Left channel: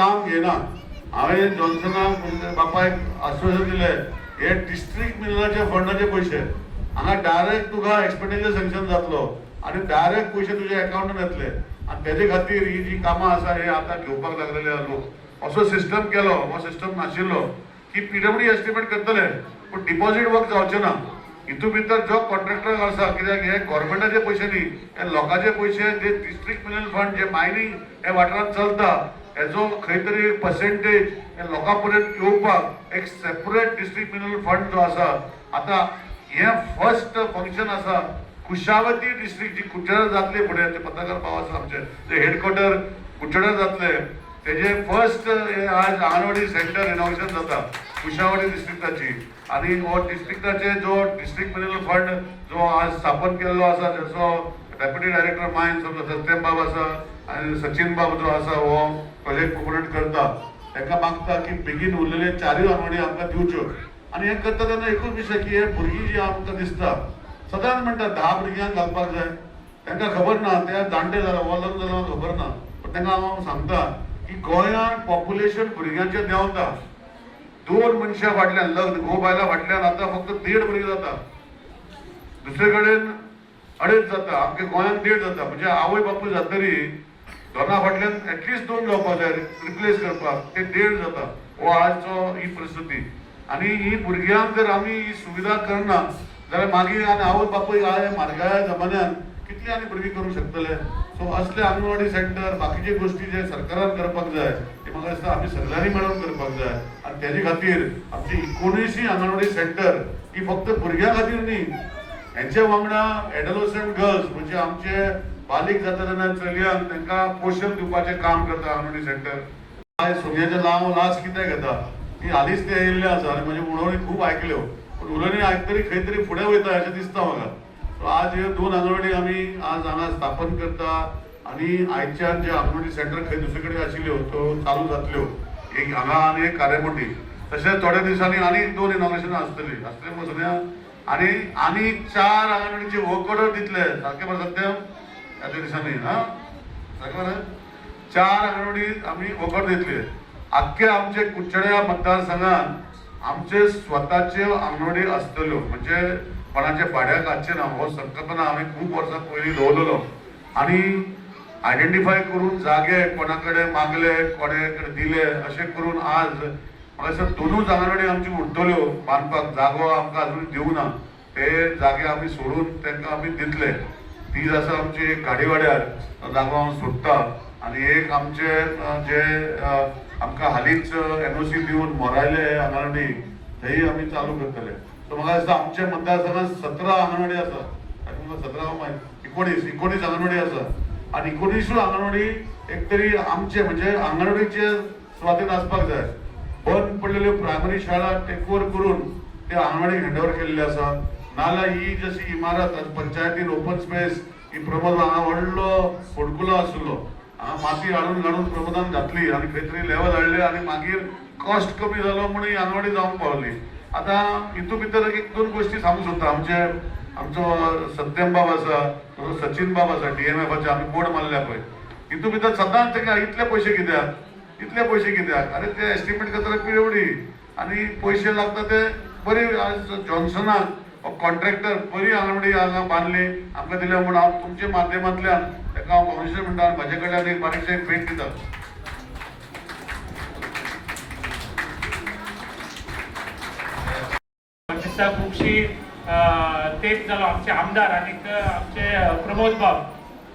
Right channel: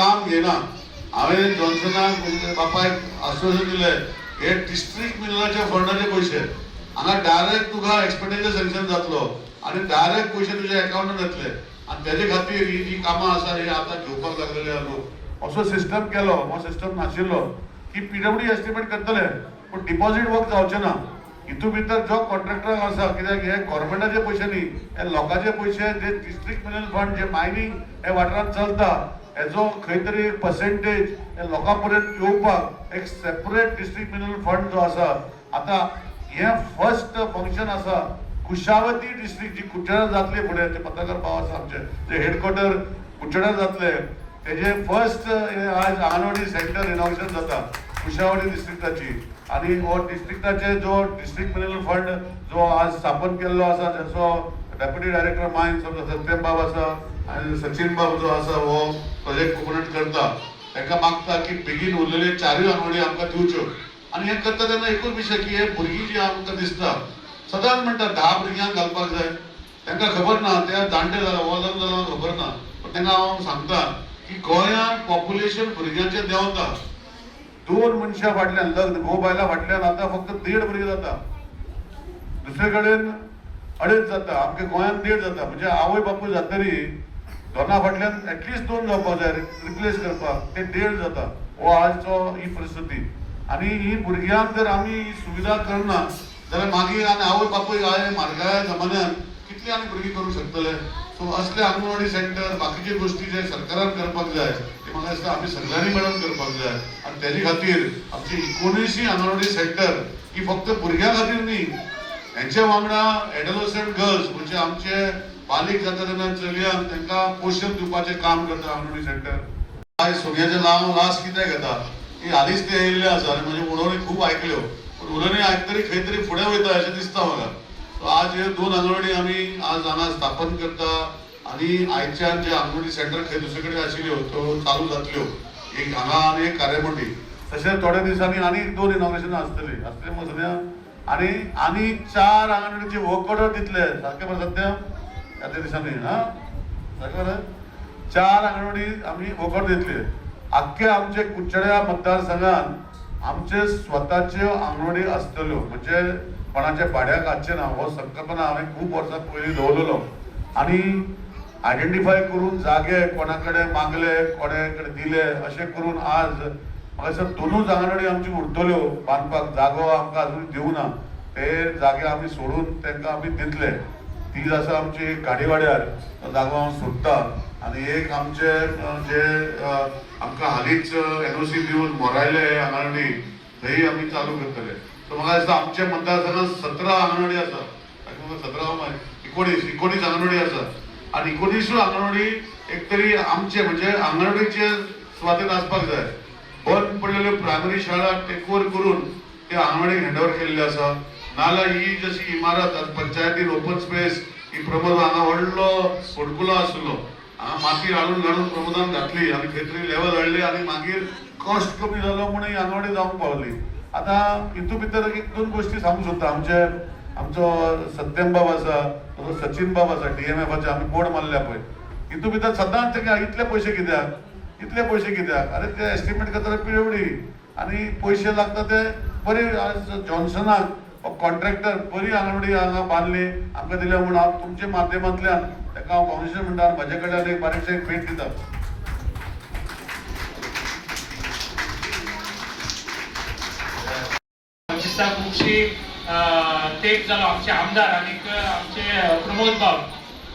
काम घेना। हांवें जॉन्सनाक बापायक आश्वासन दिलें हे डिस्ट्रिक्ट मिनरलाच्या फंडाचे पयशे हांगा डायरेक्ट तुका एक्सपेंडिचर सँक्शन जातलो आनी डायरेक्ट पयशे तुज्या अकाउंटान येतले आनी तेजे खातीर ही जी कामां आसा ही आतां घेवपाक लागलेले आहा लोक। असो सिस्टम केलो, हो सिस्टम नाशिल्लो की पीडब्ल्यूडी एस्टिमेट करतले पूण डिपॉझिट वर्क जावचें ना। हितून भितर जो कॉन्ट्रॅक्टर आसा कित्याक हे गव्हर्मेंटाचे पयशे न्ही, हे लोकांचे पयशे जे डिस्ट्रिक्ट मिनरल फंड जे मायनिंग हे वाठारांत चलता हेजो खंय तरी एक पर्सेंटेज हे लोकां पर्यंत येवपाक एक सेपरेट डिस्ट्रिक्ट मिनरल फंड जो आसा। आता हे फर्स्ट फंक्शन आसा कुशावती डिस्ट्रिक्ट जी कुचेळा जातली फुडें, ते पत्रकार भाव आसा आमचे जे हेडक्वॉर्टर कुचेळा जातले तेजे फर्स्ट आज अंगणवाडी सेंटर इनॉग्रेशन जाता कुशावती डिस्ट्रिक्टाची। आणि हो डिस्ट्रिक्टाचे जो डिस्ट्रिक्ट मिनरल फंड जो आज स्थापन केल्लो आसा त्याचो डेप्युटी डायरेक्टर मायन्स सत्यम बाब आसा आणि सचिन बाब जो आसा हो प्रोजेक्ट कोऑर्डिनेट करता, ताका मागता की बेगीन उरलेले 4 अंगणवाडी आमकां दिवच्यो। आणि हे करता तेन्ना एकूच विशय की हे भुरगीं जी आमकां दिसता सदांच म्हणटा 10 भुरग्यांक घालपाक जाय, तांकां खबर ना ते जाणटे जाला वो जालो खबर ना, पण तांकां हांव सांगता की गोंयांत पॉप्युलेशन भुरग्यांचें देंवता। 2 मनशां फाटल्यान लग्न घोव बायलां फाटल्यान आतां फक्त 1.5 भुरगीं जाता, दुसरे कडेन 2.5 जाता, आमच्या गोंयांत 1.5 जाता, म्हणजे आवय बापूय जातरी दोना फाटल्यान एटलिस्ट 2 जावपाक जाय रिप्लेस करपाक, ते 1.5 जाता। हो आजचो ही परिस्थिती आणि ही भुरग्यांक जर आमी ही सुविधा करना जाल्यार मागीर आनी आवय बापूय आय म्हारगाय जमान्यान कितली आनी भुरगीं करूंक शकतले। सो असले अंगणवाडी सेंटर बाकीचे गोष्टी जे सरकारान करपाक जाय ते म्हाका दिसता आमी सगळ्यांनी मेळून करपाक जाय। आणि तेजे खातीर आमची 19 अंगणवाडी सेंटर ही फक्त भुरग्यां खातीर न्ही, हेंचे वांगडा एडोलसेंट गर्ल्स म्हणजे आमचे बालीक जाता तेन्ना चलयांक तांकां पोषण दिवपाचें काम करता अंगणवाडी सेंटर। आयज सोन्याचे लाव लास कित्याक घेता ही हालींच ते येयल्ले आसा आनी म्हजे उलोवणी खूब आयकल्यो, पूण उलोवणी आयकतरी खंय तरी फुडें वयता अशें दिसता म्हाका। सो आज हे 2 अंगणवाडी आमी आज हांगा स्थापन करता आणि आयच्यान जे अंगणवाडी सेंटर खंय दुसरे कडेन आशिल्ल्यो त्यो चालू जातल्यो, एक हांगा आनी एक कार्यामती, तशेंच थोड्या दिसांनी आनी 2 इनॉग्रेशनां आसतलीं मग सगळ्या आनी 4 अंगणवाडीचे वर्क ऑर्डर दितले, सारकें बरें सत्यम ह्या दिसांनी हां सारकें बरें 4 अंगणवाडी आमी वर्क ऑर्डर दितले। आख्खे आमचे कुचेळ्या मतदारसंघात आमचे स्वताच्यो अंगणवाडी आसतल्यो, म्हणजे कोणाच्या भाड्याक हाडचे ना। हो संकल्पना हांवें खूब वर्सां पयलीं दवरलेलो आणि आयडेंटिफाय करून जागे कोणा कडेन मागले कोणे कडेन दिले अशें करून आज म्हाका दिसता 2 अंगणवाडी आमची उरतल्यो बांदपाक जागो आमकां अजून दिवना, ते जागे आमी सोडून तांकां आमी दितले। ती आसा आमची गाडीवाड्यार जागो हांव सोदता आणि एक आमचे जे आमकां हालींच NOC दिवन मोरायले अंगणवाडी थंय आमी चालू करतले। सो म्हाका दिसता आमच्या मतदारसंघात 17 अंगणवाडी आसा, 19 अंगणवाडी आसा आणि 19 अंगणवाडी एक तरी आमचे म्हणजे अंगणवाडीचे सुवातेन आसपाक जाय। बंद पडलेल्यो प्रायमरी शाळा टेक ओव्हर करून ते अंगणवाडीक हँडओव्हर केल्ले आसा, नाल्यार ही जशी इमारत आज पंचायतीन ओपन स्पेस ही प्रमोद हांगा व्हडलो फोडकुलो आशिल्लो, हांगा माती हाडून प्रमोदान घातली आणि खंय तरी लेवल हाडले आणि मागीर कॉस्ट कमी जालो म्हणून ही अंगणवाडी जावंक पावली। आता हितून भितर 1-2 गोष्टी सांगूंक सोदता। आमचो सत्यम बाब आसा, सचिन बाब आसा DMFचे आमी बोर्ड मारल्या पळय, हितून भितर सदांच तेका इतले पयशे कित्याक अरे ते एस्टिमेट करता पिळवडी आणि पयशे लागता ते बरी। आज जॉन्सनाक कॉन्ट्रॅक्टर बरी अंगणवाडी हांगा बांदली आमकां दिल्या म्हणून हांव तुमच्या माध्यमांतल्यान ताका हांव काँग्रेसी म्हणटा म्हजे कडल्यान एक बारीकशें एक भेट दिता। खुबशी तेप जालो आमचे आमदार आणि आमचे प्रमोद बाब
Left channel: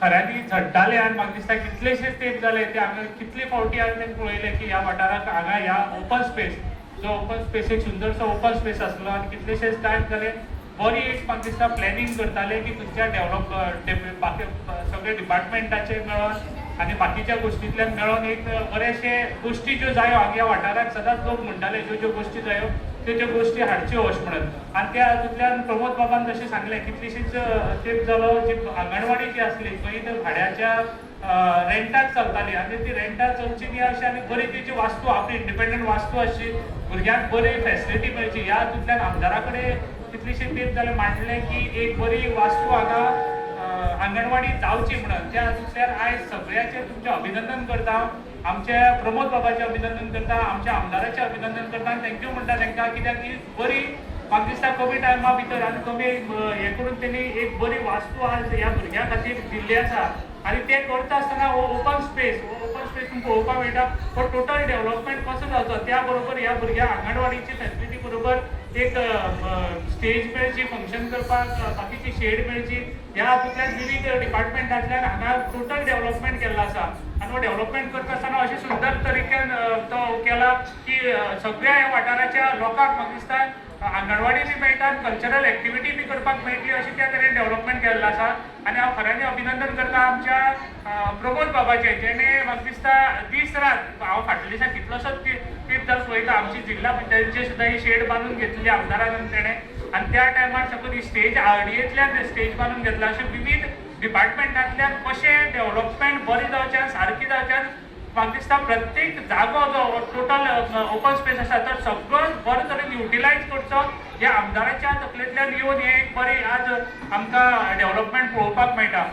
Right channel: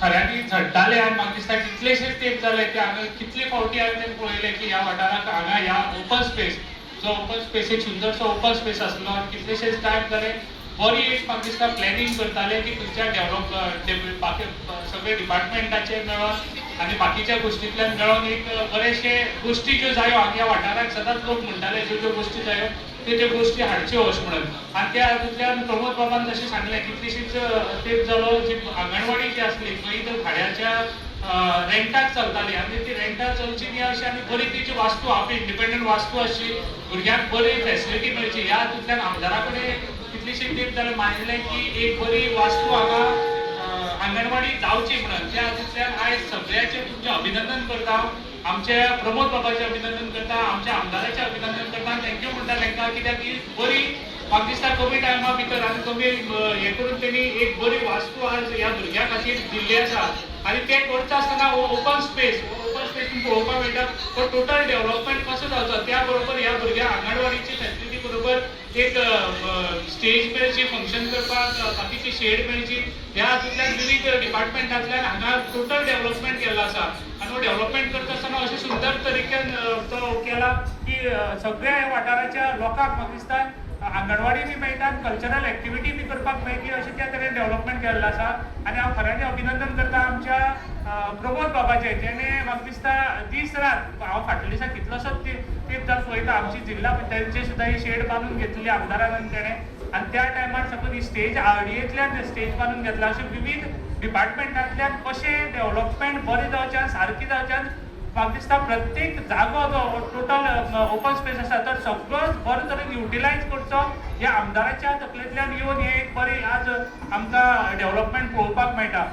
खऱ्यांनी झडटाले आनी म्हाका दिसता कितलेशेच तेप जाले ते हांगा कितले फावटी हांवें पळयले की ह्या वाठाराक हांगा ह्या ओपन स्पेस जो ओपन स्पेस एक सुंदरसो ओपन स्पेस आसलो आनी कितलेशेच टायम जाले बरी एक म्हाका दिसता प्लॅनिंग करताले की खंयच्या सगळे डिपार्टमेंटाचे मेळोन आनी बाकीच्या गोष्टींतल्यान मेळोन एक बरेचशे गोष्टी ज्यो जायो हांगा वाठाराक सदांच लोक म्हणटाले ज्यो गोष्टी जायो त्यो गोष्टी हाडच्यो अशें म्हणून। आनी त्या हातूंतल्यान प्रमोद बाबान जशें सांगलें कितलीशीच तेप जालो जी अंगणवाडी जी आसली पळय भाड्याच्या रेंटाक चलताली आनी ती रेंटाक चलची न्ही अशी आनी बरी तिची वास्तू आपली इंडिपेंडंट वास्तू आसची, भुरग्यांक बरी फेसिलिटी मेळची। ह्या हातूंतल्यान आमदारा कडेन कितलीशी तेप जालें मांडलें की एक बरी वास्तू हांगा अंगणवाडी जावची म्हणून। त्या हातूंतल्यान आयज सगळ्यांचें तुमचें अभिनंदन करता आमचे प्रमोद बाबाचे अभिनंदन करता, आमच्या आमदाराचे अभिनंदन करता आनी थँक्यू म्हणटा तांकां, कित्याक ही बरी म्हाका दिसता कमी टायमा भितर आनी कमी हे करून तेणी एक बरी वास्तू आज ह्या भुरग्यां खातीर दिल्ली आसा आनी ते करता आसतना ओपन स्पेस तुमकां पळोवपाक मेळटा. पण टोटल डेव्हलपमेंट कसो जावचो त्या बरोबर ह्या भुरग्यांक आंगणवाडीची फॅसिलिटी बरोबर एक स्टेज मेळची, फंक्शन करपाक बाकीची शेड मेळची, ह्या हातूंतल्यान विविध डिपार्टमेंटांतल्यान हांगा टोटल डेव्हलपमेंट केल्लो आसा. आनी हो डेव्हलपमेंट करता आसतना अशें सुंदर तरीकेन तो केला की सगळ्या ह्या वाठाराच्या लोकांक म्हाका दिसता आंगणवाडी बी मेळटा, कल्चरल एक्टिविटी बी करपाक मेळटली अशें त्या तरेन डेव्हलपमेंट केल्लो आसा. आनी हांव खऱ्यांनी अभिनंदन करता आमच्या प्रमोद बाबाचें, जेणे म्हाका दिसता दीस रात, हांव फाटल्या दिसा कितलोसोच ट्रीप जावन पळयता, आमची जिल्ला पंचायतीचे सुद्दां ही शेड बांदून घेतलेली आमदारान तेणें, आनी त्या टायमार सकयल ही स्टेज आरडीएंतल्यान स्टेज बांदून घेतला. अशें विविध डिपार्टमेंटांतल्यान कशें डेव्हलपमेंट बरें जावचें, सारकें जावचें, म्हाका दिसता प्रत्येक जागो जो टोटल ओपन स्पेस आसा तर सगळो बरे तरेन युटिलायज करचो. ह्या आमदाराच्या तकलेंतल्यान येवन हे एक बरी आज आमकां डेव्हलपमेंट पळोवपाक मेळटा.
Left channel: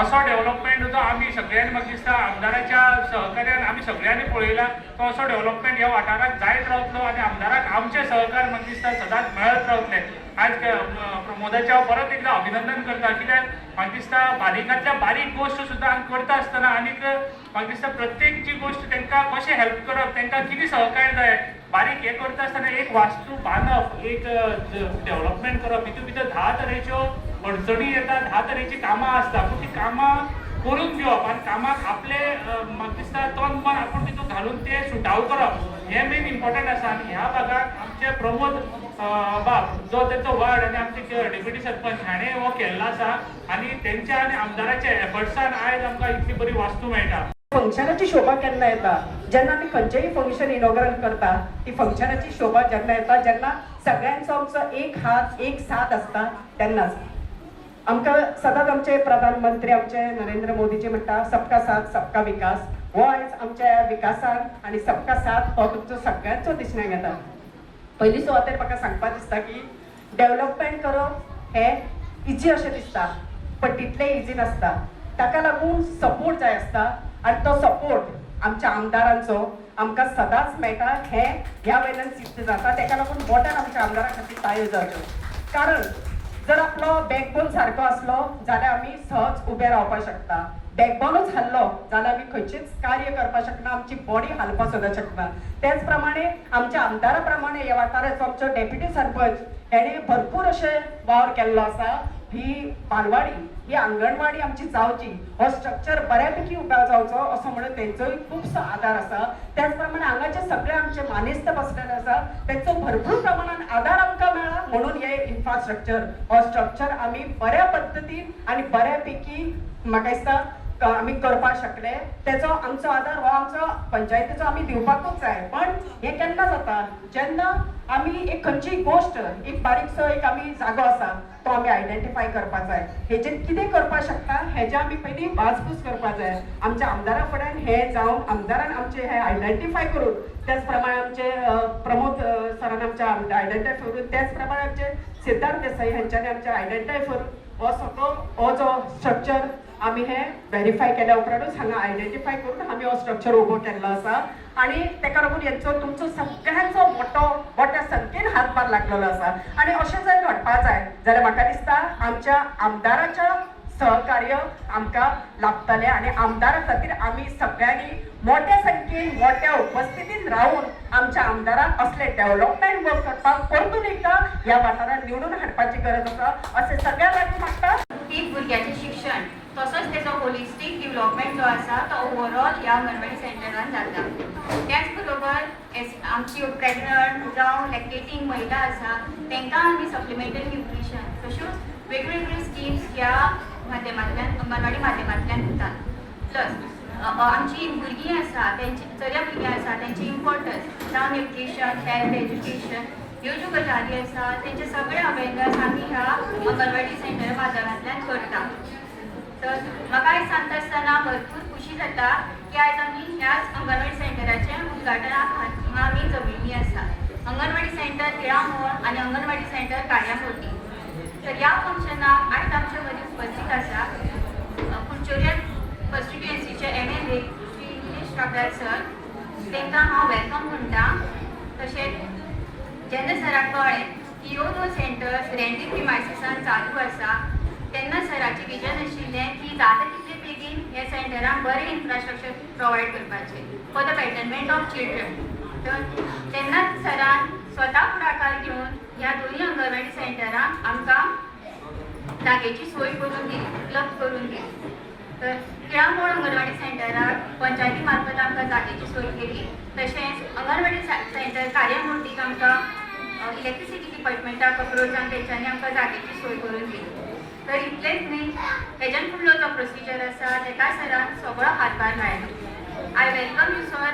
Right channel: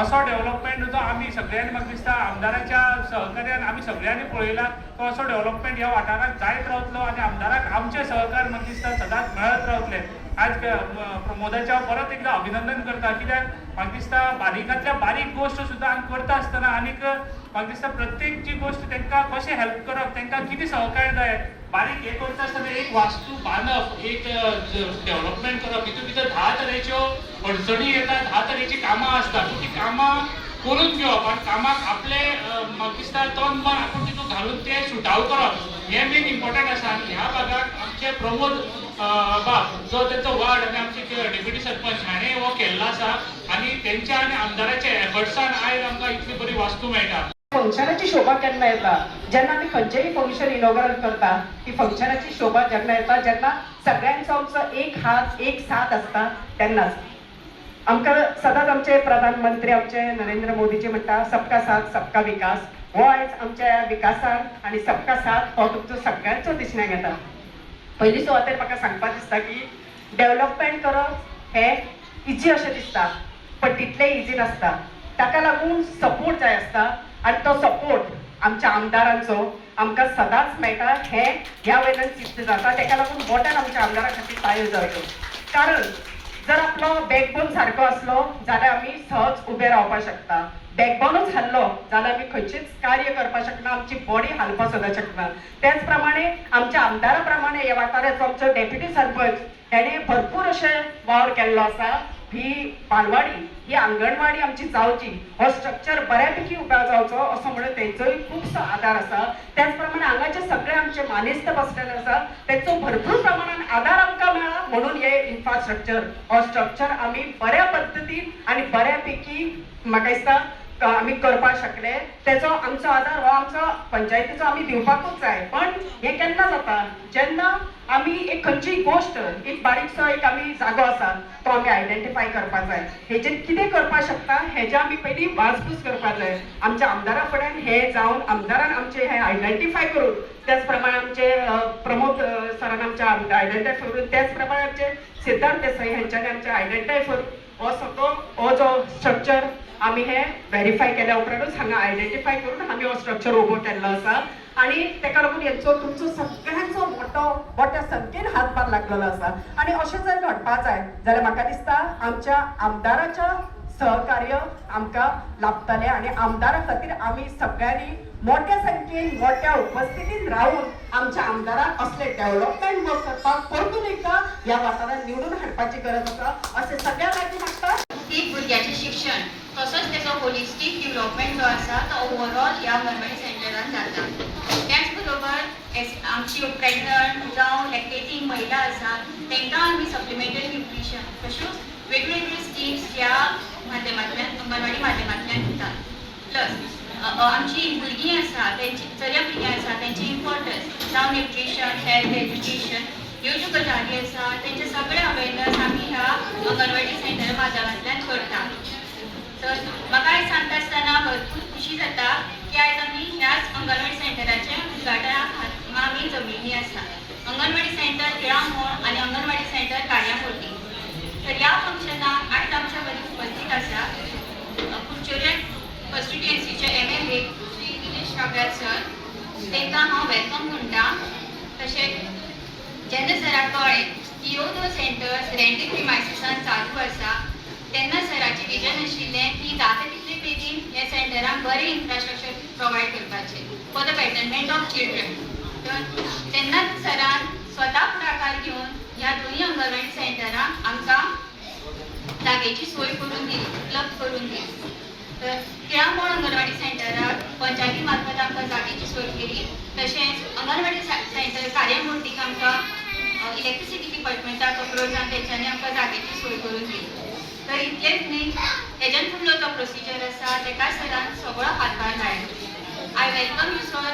असो डेव्हलपमेंट जो आमी सगळ्यांनी म्हाका दिसता आमदाराच्या सहकार्यान आमी सगळ्यांनी पळयला, तो असो डेव्हलपमेंट ह्या वाठाराक जायत रावतलो आनी आमदाराक आमचे सहकार म्हाका दिसता सदांच मेळत रावतले. आज प्रमोदाचें हांव परत एकदां अभिनंदन करता, कित्याक म्हाका दिसता बारीकांतल्या बारीक गोश्ट सुद्दां हांगा करता आसतना आनीक म्हाका दिसता प्रत्येक जी गोश्ट तांकां कशें हेल्प करप, तांकां कितें सहकार्य जाय, बारीक हे करता आसतना एक वास्तू बांदप, एक डेव्हलपमेंट करप, हितून भितर 10 तरेच्यो अडचणी येतात, 10 तरेची कामां आसता, पूण ती कामां करून घेवप आनी कामाक आपले म्हाका दिसता तन मन आपूण तितून घालून ते सुटाव करप, हें मेन इम्पॉर्टंट आसा. आनी ह्या भागाक आमचे प्रमोद बाब जो तेंचो वार्ड आनी आमचे डेप्युटी सरपंच हाणें हो केल्लो आसा आनी तेंच्या आनी आमदाराच्या एफर्ट्सान आयज आमकां इतली बरी वास्तू मेळटा. फंक्शनाची शोभा केन्ना येता, जेन्ना आमी खंयचेय फंक्शन इनॉग्रल करता, ती फंक्शनाची शोभा जेन्ना येता, जेन्ना सगळ्यांचो आमचो एक हात एक साथ आसता तेन्नाच. आमकां सदांच आमचे प्रधानमंत्री आमचे नरेंद्र मोदीजी म्हणटा सबका साथ सबका विकास. हो आयज आमच्या विकासान आनी सबका साथ हो तुमचो सगळ्यांचो दिसण्याक येता. पयली सुवातेर म्हाका सांगपाक दिसता की डेव्हलपमेंट करप हें इजी अशें दिसता, पण तितलें इजी नासता. ताका लागून सपोर्ट जाय आसता आनी तो सपोर्ट आमच्या आमदारांचो आमकां सदांच मेळटा, हें ह्या वयल्यान सिद्ध जाता. ताका लागून मोठ्यान आमच्या आमदारा खातीर ताळयो जाल्यो. कारण जर आपलो बॅकबोन सारको आसलो जाल्यार आमी सहज उबे रावपाक शकता. बॅकबोनूच हल्लो जाल्यार आमी खंयचेच कार्य करपाक शकना, आमची बॉडी हालपाक सुद्दां शकना. त्याच प्रमाणे आमच्या आमदारा प्रमाणे ह्या वाठाराचो आमचो डेप्युटी सरपंच हेणे भरपूर अशें वावर केल्लो आसा. ही बालवाडी, ही आंगणवाडी आमची जावची, हो स्ट्रक्चर बऱ्यापैकी उबा जावचो असो म्हणून तेंचोय खुबसो आदार आसा. त्याच प्रमाणे हांगाचे सगळे आमचे मानेस्त बसलेले आसा, तेंचो भरपूर प्रमाणान आदार आमकां मेळ्ळा म्हणून हे इन्फ्रास्ट्रक्चर हो स्ट्रक्चर आमी बऱ्या पद्दतीन आनी बऱ्यापैकी म्हाका दिसता आमी करपाक शकले. तेचो आमचो आदार हो आमचो पंचायतीचो आमी दिवपाकूच जाय. पण हें केन्ना जाता जेन्ना आमी एक खंयचीय गोश्ट, एक बारीकसो एक आमी जागो आसा तो आमी आयडेंटिफाय करपाक जाय. हेजेर कितें करपाक शकता हेजे आमी पयलीं वाजपूस करपाक जाय. आमच्या आमदारा फुड्यान हें जावन आमदारान आमचें हें आयडेंटिफाय करून, त्याच प्रमाणे आमचे प्रमोद सरान आमच्या आयडेंटिफाय करून, त्याच प्रमाणे आमचे सिद्धार्थ देसाई हांच्यांनी आमचे आयडेंटिफाय करून हो सगळो हो जो स्ट्रक्चर आमी हे व्हेरीफाय केल्या उपरांतूच हांगा आयडेंटिफाय करून आमी हो स्ट्रक्चर उबो केल्लो आसा. आनी ताका लागून हेंचो तुमचो सगळ्यांचो मोठ्या संख्येन हातभार लागलेलो आसा. आनी अशें जर घडपाक जाय जाल्यार म्हाका दिसता आमच्या आमदाराच्या सहकार्य आमकां लाभतलें आनी आमदारा खातीर आमी सगळ्यांनी मोठ्या संख्येन मोठ्या उपस्थितीन रावून आमच्या आमदाराक असले डेव्हलपमेंट वर्क करपाक परतून एकदा ह्या वाठारांत निवडून हाडपाची गरज आसा अशें सगळ्या लागीं मागता. की भुरग्याचें शिक्षण तसोच तेचो होलिस्टीक डेव्हलपमेंट जो आसा तो ओवरऑल ह्या अंगणवाडी सेंटरान जाता. त्याच बरोबर आमची प्रेग्नंट जावं लॅक्टेटींग महिला आसा तांकां आमी सप्लिमेंटरी न्यूट्रिशन तश्योच वेगवेगळ्यो स्किम्स ह्या माध्यमांतल्यान अंगणवाडी माध्यमांतल्यान दिता. प्लस आमची भुरगीं आसा तेंची चल्या भुरगीं आसा तेंची इम्पॉर्टन्स जावं न्यूट्रिशन, हेल्थ, एज्युकेशन ह्यो ज्यो गजाली आसा तेंचे सगळे अवेरनस आमी ह्या अंगणवाडी सेंटर माध्यमांतल्यान करता. तर म्हाका आयज सांगता आसतना भरपूर खुशी जाता की आयज आमी ह्याच अंगणवाडी सेंटराचे उद्घाटनाक आमी जमिल्लीं आसा. अंगणवाडी सेंटर तिळामोळ आनी अंगणवाडी सेंटर कार्यामोटी. तर ह्या फंक्शनाक आयज आमच्या मदीं उपस्थित आसा कुडचड्या कॉन्स्टिट्युएन्सीचे MLA श्री निलेश व्यवस्थापक सर तांकां हांव वेलकम म्हणटा. तशेंच जेन्ना सराक कळ्ळें की ह्यो दोन सेंटर्स रेंटी प्रिमायसिसान चालू आसा तेन्ना सराचें विजन आशिल्लें की जाता तितले बेगीन हे सेंटरांक बरें इन्फ्रास्ट्रक्चर प्रोवायड करपाचें for the betterment of children. तर तेन्नाच सरान स्वता फुडाकार घेवन ह्या दोनूय अंगणवाडी सेंटरांक आमकां जागेची सोय करून दिली, उपलब्ध करून दिली. तर तिळामोळ अंगणवाडी सेंटराक पंचायती मार्फत आमकां जागेची सोय केली. तशेंच अंगणवाडी सेंटर कार्यामूर्तीक आमकां इलेक्ट्रिसिटी डिपार्टमेंटाक अप्रोच जावन तेंच्यांनी आमकां जागेची सोय करून दिली. तर इतलेंच न्ही, तेज्यान फुडलो जो प्रोसिजर आसा तेका सरान सगळो हातभार लायलो. I welcome you sir